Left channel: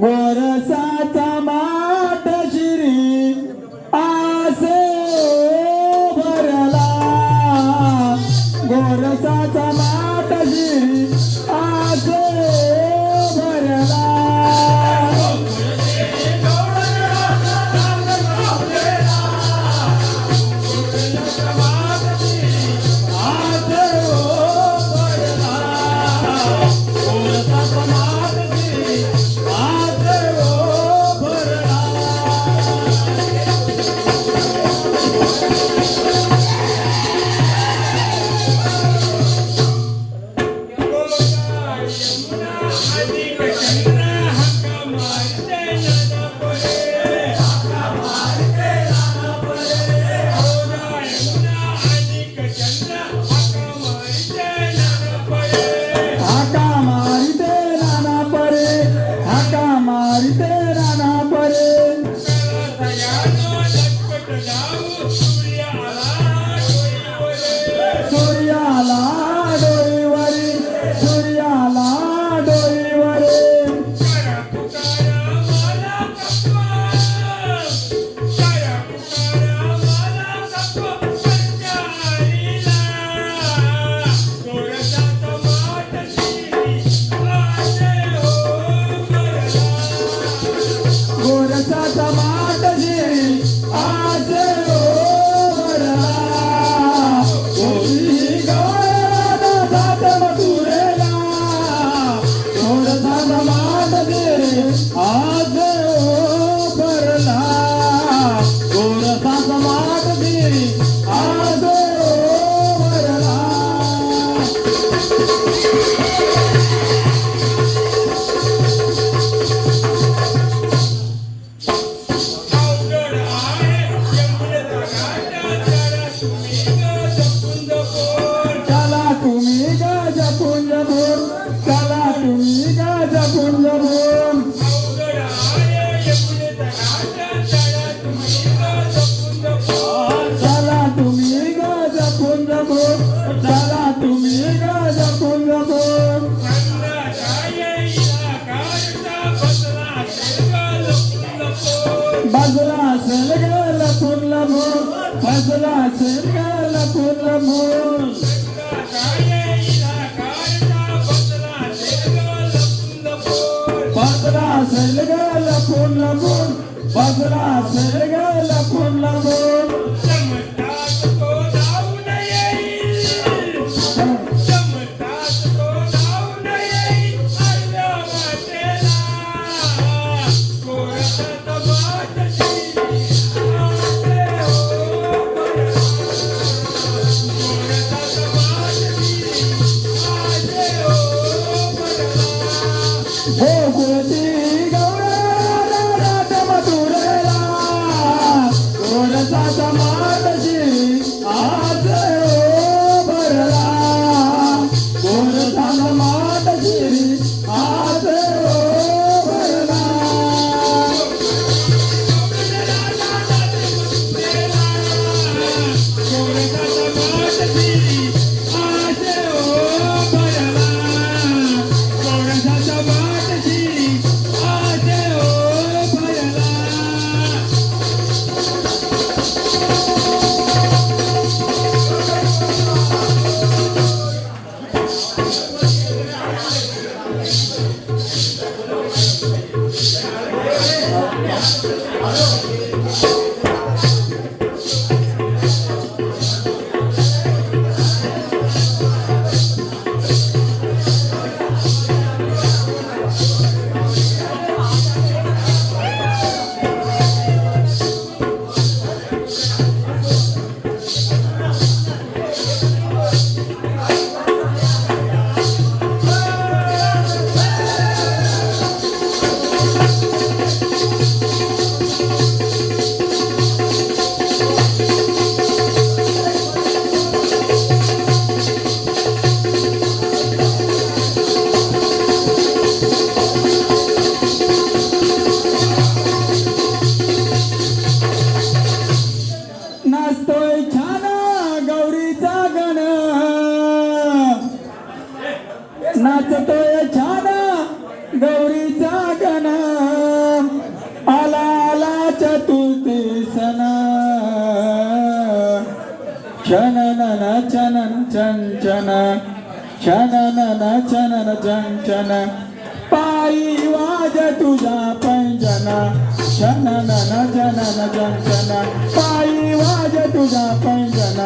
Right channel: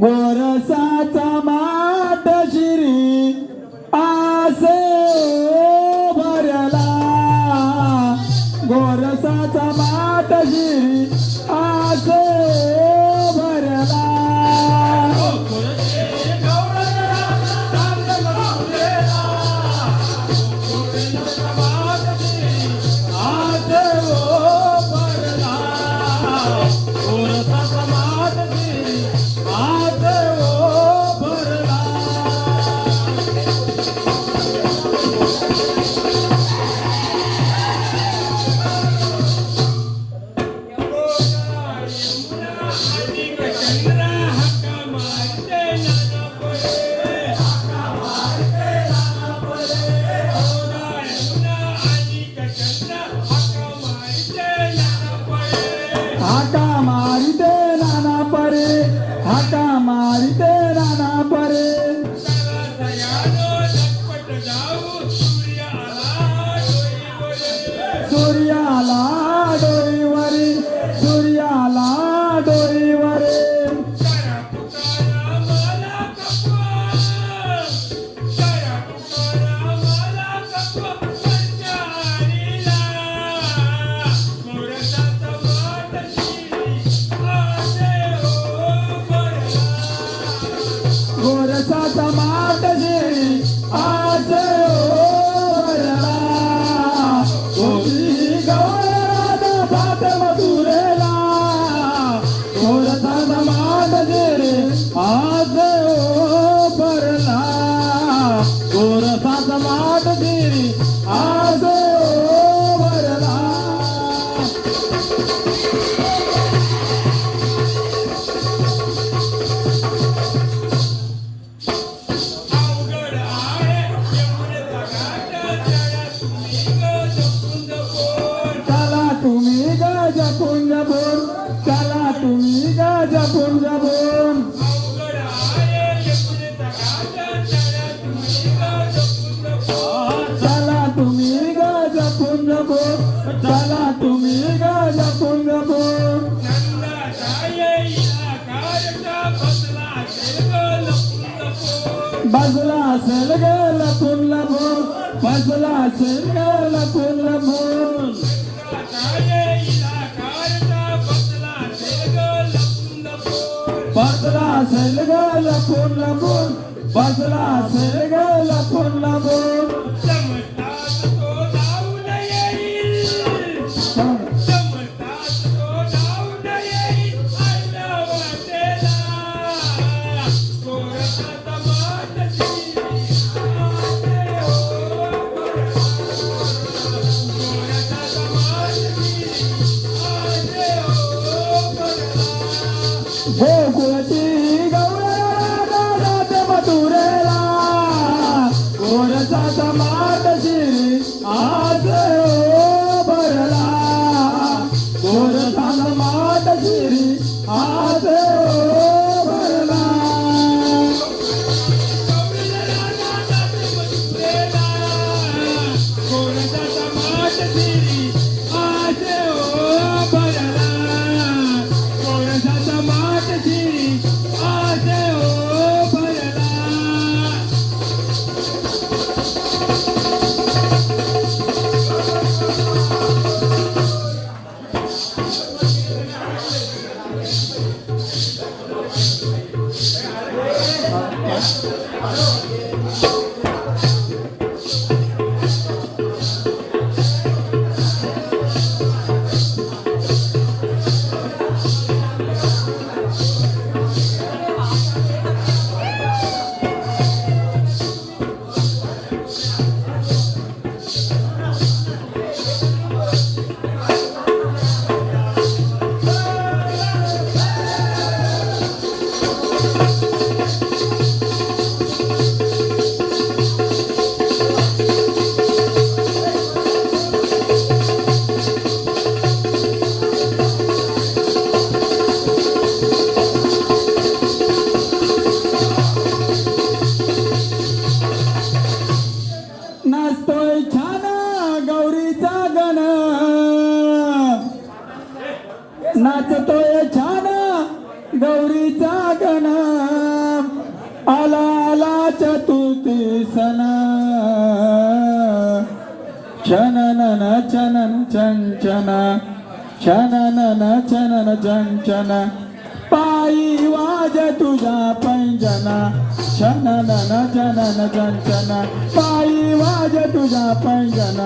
गोरसाचा Hallelujah. नाचतोय छान गौरीचा गणा आला आला चतुर्थी सणा. चनन चनन चंचन चनन चनन चंचन पायी वाज तुझा पंजना चनन चनन चंचन पायी वाज तुझा पंजना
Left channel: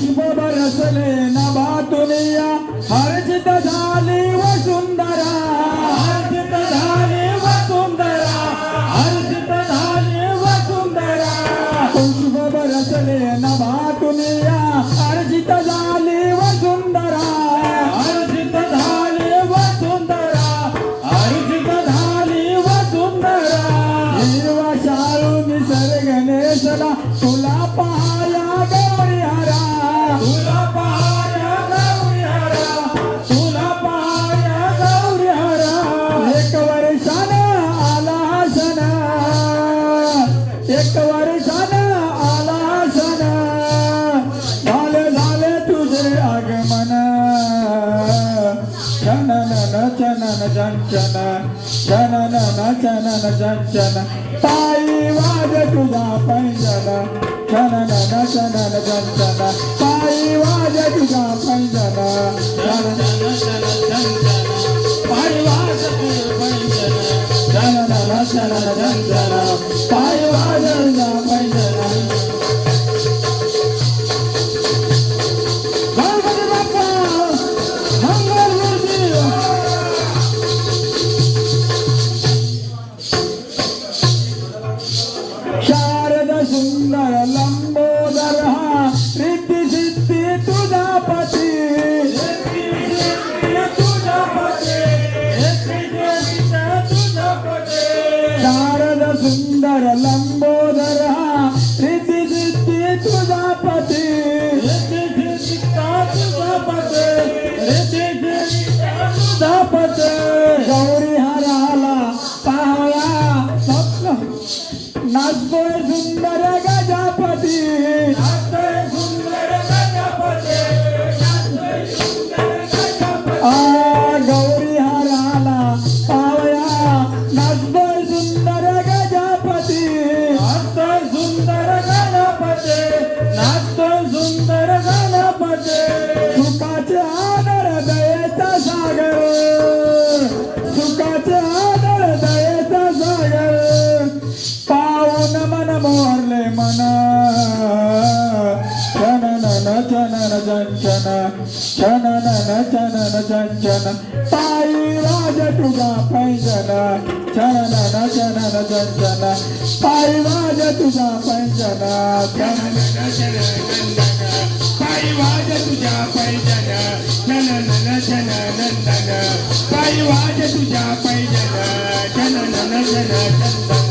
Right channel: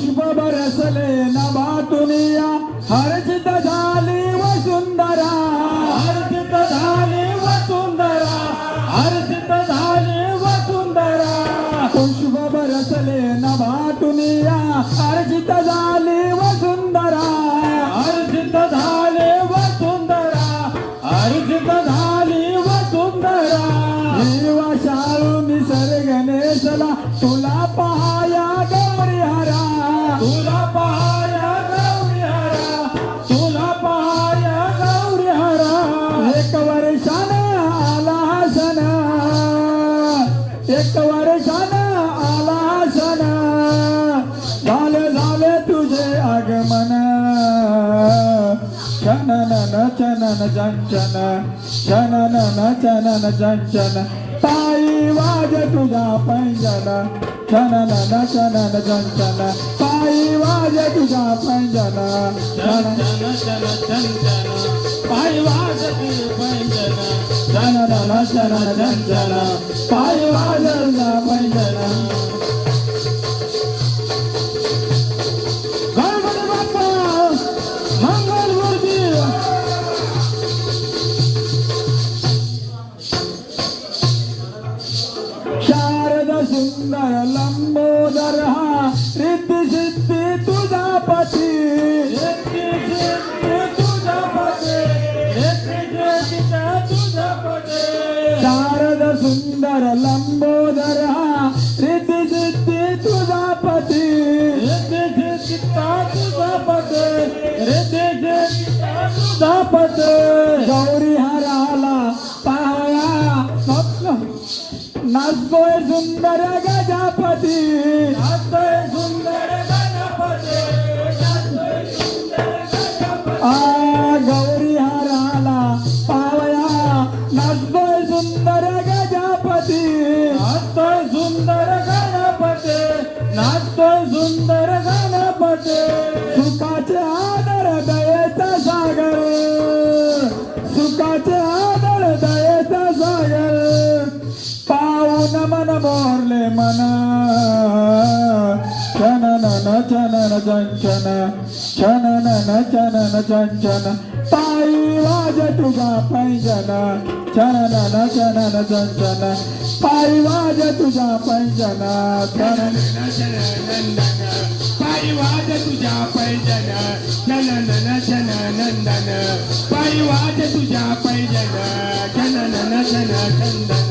Shiva Barasale पैंजन चनन सुंदर लंबोदर हा रिद्धी सिद्धी तुझा पती रिद्धी सिद्धी तुझा पती रिद्धी सिद्धी तुझा पती गौरी हराला पाहया स्वप्न नाचतोय सुंदर गजापती. चन चंचन ताई राज तुझा पैंजना चन चन चंचन ताई राज तुझा पैंजना चन चन नंदन ताई वाज तुझा पैंजना चन नन चन नंदन ताई वाज तुझा पैंजना चन नन चन नंदन